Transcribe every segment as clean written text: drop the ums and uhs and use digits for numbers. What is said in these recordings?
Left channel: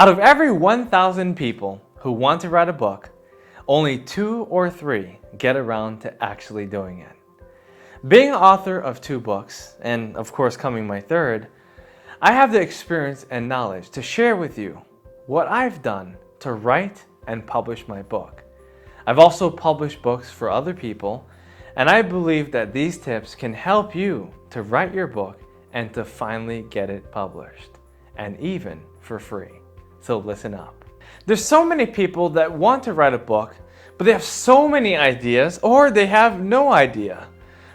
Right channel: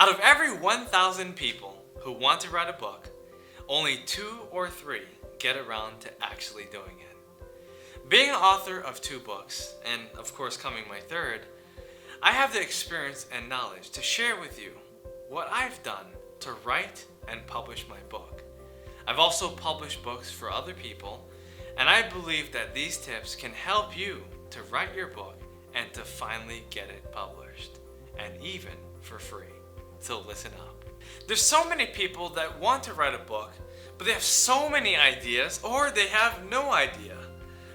Out of every 1,000 people who want to write a book, only 2 or 3 get around to actually doing it. Being an author of 2 books, and of course coming my 3rd, I have the experience and knowledge to share with you what I've done to write and publish my book. I've also published books for other people, and I believe that these tips can help you to write your book and to finally get it published, and even for free. So listen up. There's so many people that want to write a book, but they have so many ideas, or they have no idea.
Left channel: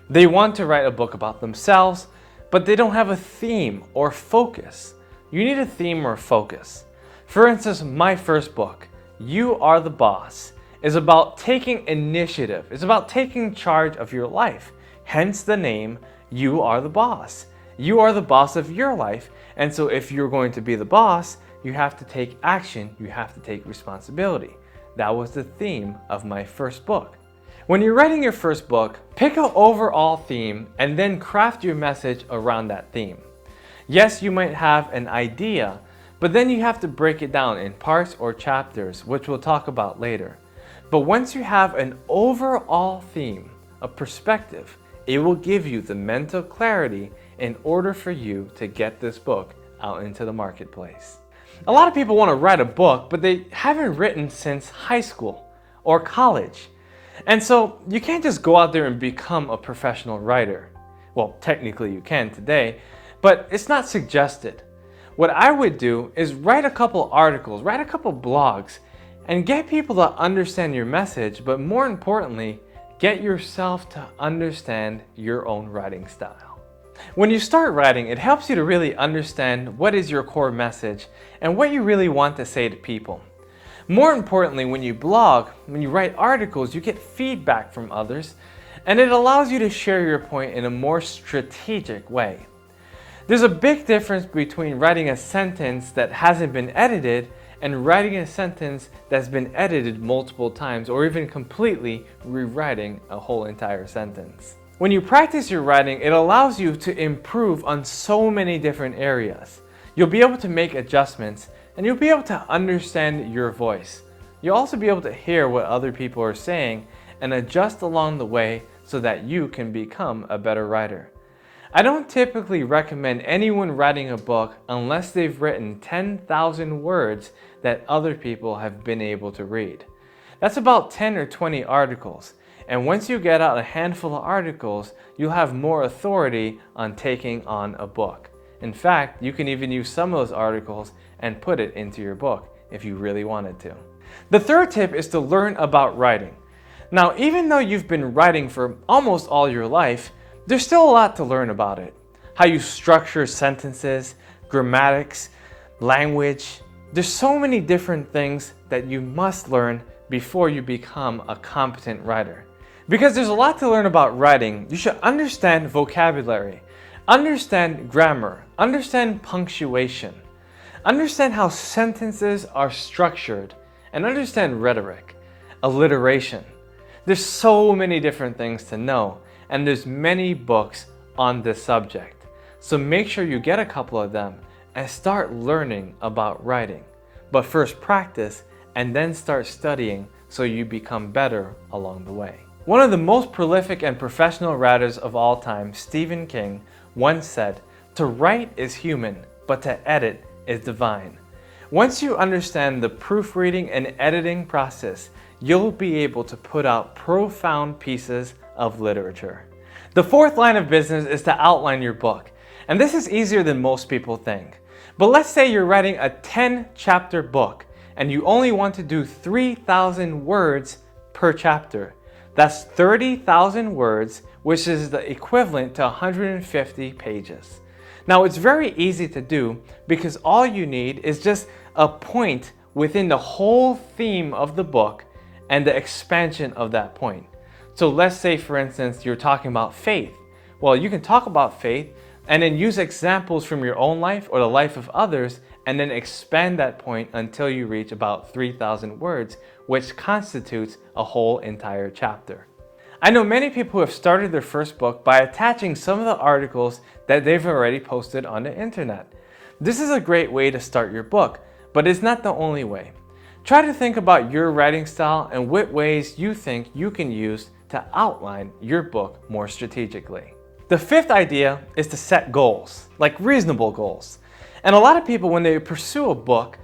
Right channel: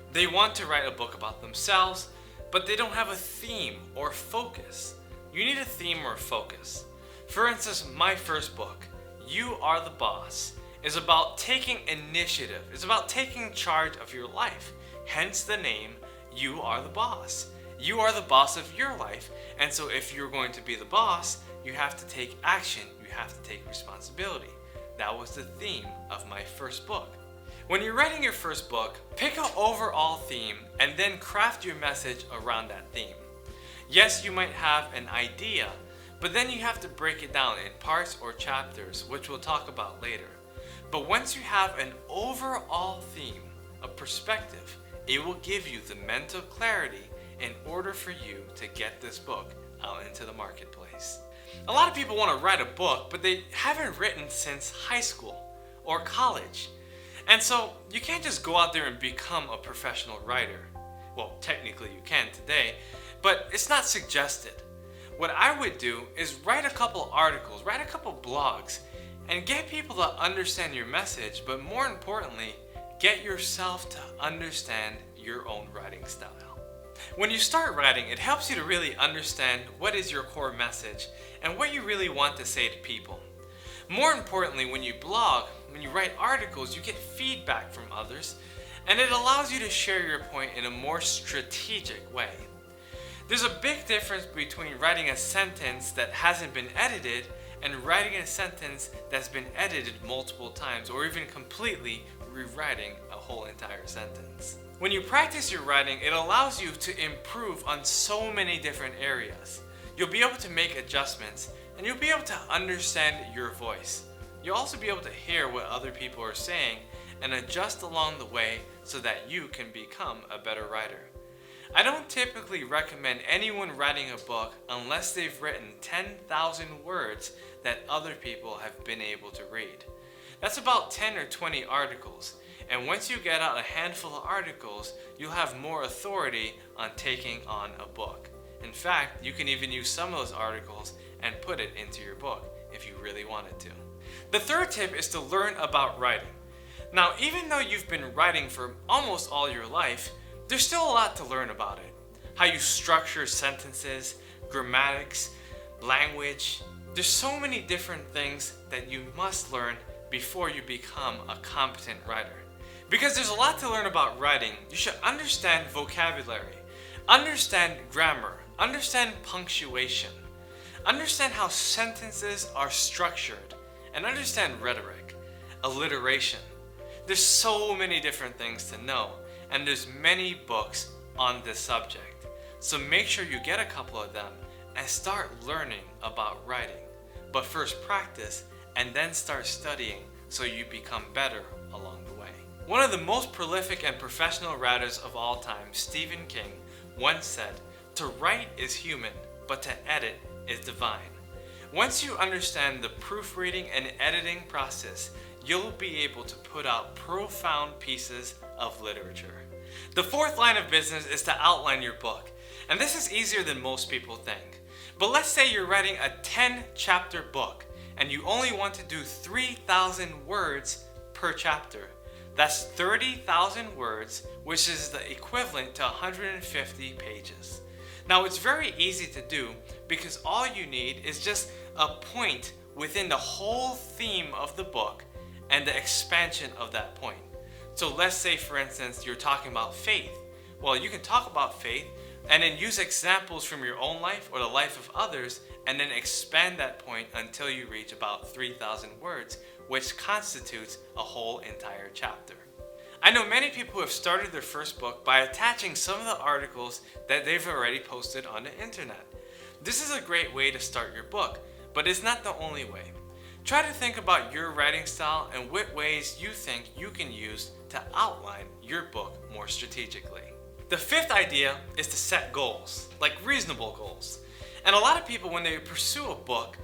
They want to write a book about themselves, but they don't have a theme or focus. You need a theme or focus. For instance, my first book, You Are the Boss, is about taking initiative. It's about taking charge of your life. Hence the name, You Are the Boss. You are the boss of your life, and so if you're going to be the boss, you have to take action, you have to take responsibility. That was the theme of my first book. When you're writing your first book, pick an overall theme and then craft your message around that theme. Yes, you might have an idea, but then you have to break it down in parts or chapters, which we'll talk about later. But once you have an overall theme, a perspective, it will give you the mental clarity in order for you to get this book out into the marketplace. A lot of people want to write a book, but they haven't written since high school or college. And so you can't just go out there and become a professional writer. Well, technically you can today, but it's not suggested. What I would do is write a couple articles, write a couple blogs, and get people to understand your message, but more importantly, get yourself to understand your own writing style. When you start writing, it helps you to really understand what is your core message and what you really want to say to people. More importantly, when you blog, when you write articles, you get feedback from others, and it allows you to share your point in a more strategic way. There's a big difference between writing a sentence that hasn't been edited and writing a sentence that's been edited multiple times, or even completely rewriting a whole entire sentence. When you practice your writing, it allows you to improve on so many different areas. You'll be able to make adjustments, and you'll be able to understand your voice. You'll also be able to hear what other people are saying and adjust along the way so that you can become a better writer. I don't typically recommend anyone writing a book unless they've written 10,000 words that other people have been able to read. That's about 10 or 20 articles. And once you get out a handful of articles, you'll have more authority on taking on a book. In fact, you can even use some of those articles and put it into your book if you really wanted to. The 3rd tip is to learn about writing. Now, even though you've been writing for almost all your life, there's still a lot to learn about it. How you structure sentences, grammatics, language. There's so many different things that you must learn before you become a competent writer. Because there's a lot to learn about writing, you should understand vocabulary, understand grammar, understand punctuation, understand how sentences are structured, and understand rhetoric, alliteration. There's so many different things to know, and there's many books on this subject. So make sure you get a couple of them and start learning about writing. But first practice, and then start studying so you become better along the way. One of the most prolific and professional writers of all time, Stephen King, once said, "To write is human, but to edit is divine." Once you understand the proofreading and editing process, you'll be able to put out profound pieces of literature. The 4th line of business is to outline your book. And this is easier than most people think. But let's say you're writing a 10-chapter book and you only want to do 3,000 words per chapter. That's 30,000 words, which is the equivalent to 150 pages. Now, it's very easy to do because all you need is just a point within the whole theme of the book and the expansion of that point. So let's say, for instance, you're talking about faith. Well, you can talk about faith and then use examples from your own life or the life of others, and then expand that point until you reach about 3,000 words, which constitutes a whole entire chapter. I know many people who have started their first book by attaching some of the articles that they've already posted on the internet. This is a great way to start your book, but it's not the only way. Try to think about your writing style and what ways you think you can use to outline your book more strategically. The fifth idea is to set goals, like reasonable goals. And a lot of people, when they pursue a book,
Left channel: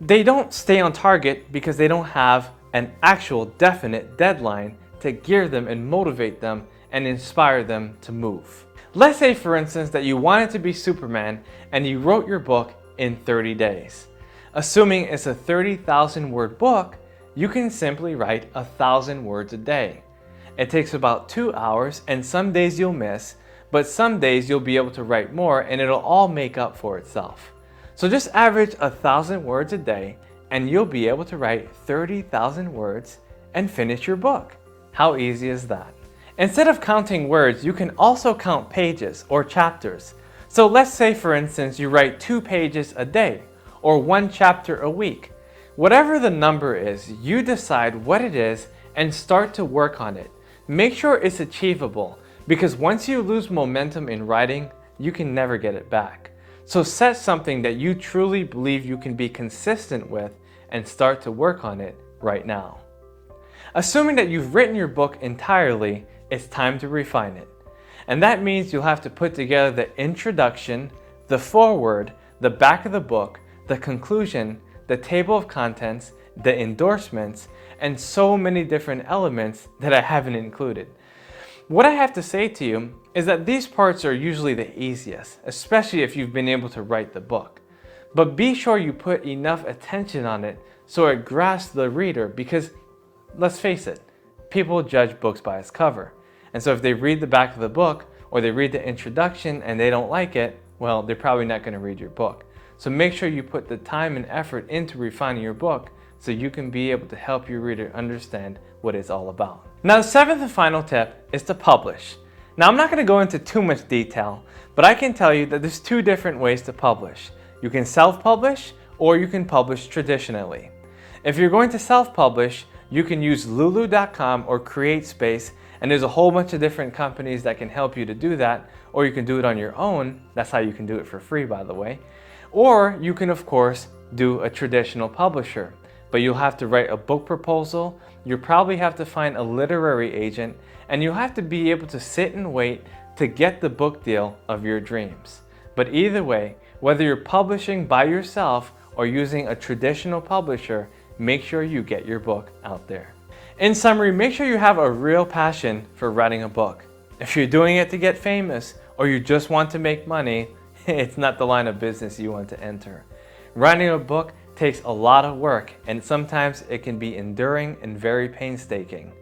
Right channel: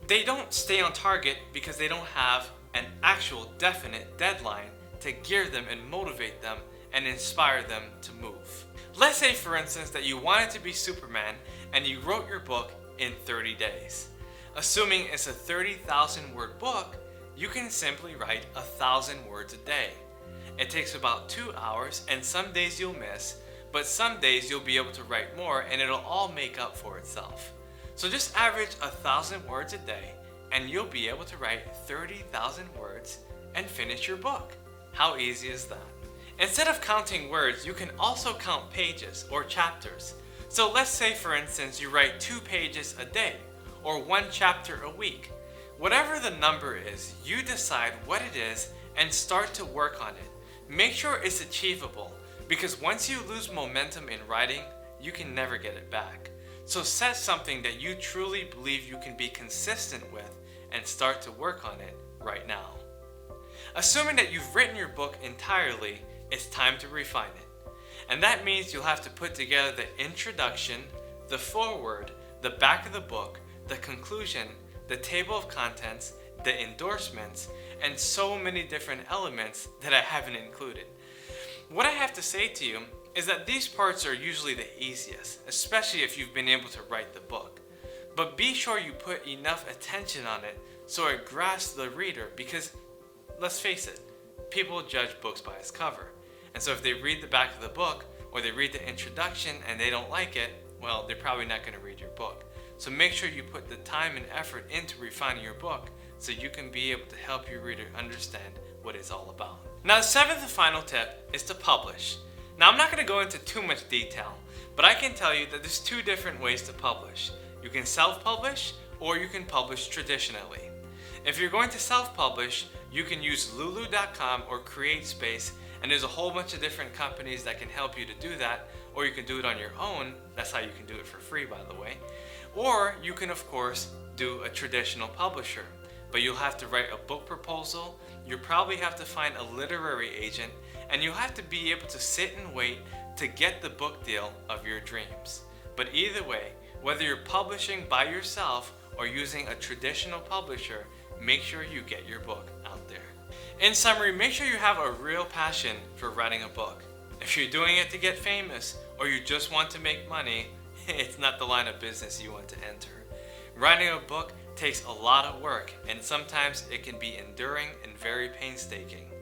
they don't stay on target because they don't have an actual definite deadline to gear them and motivate them and inspire them to move. Let's say, for instance, that you wanted to be Superman and you wrote your book in 30 days. Assuming it's a 30,000 word book, you can simply write 1,000 words a day. It takes about 2 hours, and some days you'll miss, but some days you'll be able to write more and it'll all make up for itself. So just average 1,000 words a day and you'll be able to write 30,000 words and finish your book. How easy is that? Instead of counting words, you can also count pages or chapters. So let's say, for instance, you write 2 pages a day or 1 chapter a week. Whatever the number is, you decide what it is and start to work on it. Make sure it's achievable, because once you lose momentum in writing, you can never get it back. So set something that you truly believe you can be consistent with and start to work on it right now. Assuming that you've written your book entirely, it's time to refine it. And that means you'll have to put together the introduction, the foreword, the back of the book, the conclusion, the table of contents, the endorsements, and so many different elements that I haven't included. What I have to say to you is that these parts are usually the easiest, especially if you've been able to write the book. But be sure you put enough attention on it so it grasps the reader, because let's face it, people judge books by its cover. And so if they read the back of the book or they read the introduction and they don't like it, well, they're probably not going to read your book. So make sure you put the time and effort into refining your book so you can be able to help your reader understand what it's all about. Now, the seventh and final tip is to publish. Now, I'm not going to go into too much detail, but I can tell you that there's 2 different ways to publish. You can self-publish or you can publish traditionally. If you're going to self-publish, you can use lulu.com or CreateSpace, and there's a whole bunch of different companies that can help you to do that, or you can do it on your own. That's how you can do it for free, by the way. Or you can, of course, do a traditional publisher, but you'll have to write a book proposal, you'll probably have to find a literary agent, and you'll have to be able to sit and wait to get the book deal of your dreams. But either way, whether you're publishing by yourself or using a traditional publisher, make sure you get your book out there. In summary, make sure you have a real passion for writing a book. If you're doing it to get famous or you just want to make money, it's not the line of business you want to enter. Writing a book takes a lot of work, and sometimes it can be enduring and very painstaking.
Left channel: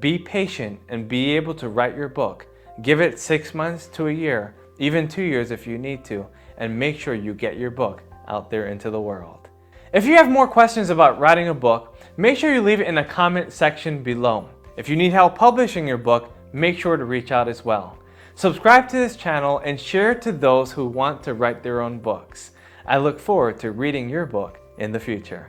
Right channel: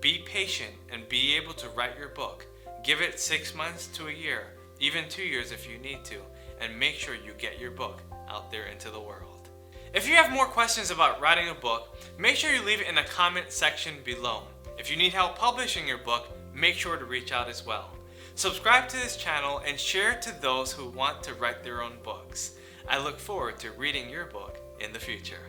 Be patient and be able to write your book. Give it 6 months to a year, even 2 years if you need to, and make sure you get your book out there into the world. If you have more questions about writing a book, make sure you leave it in the comment section below. If you need help publishing your book, make sure to reach out as well. Subscribe to this channel and share it to those who want to write their own books. I look forward to reading your book in the future.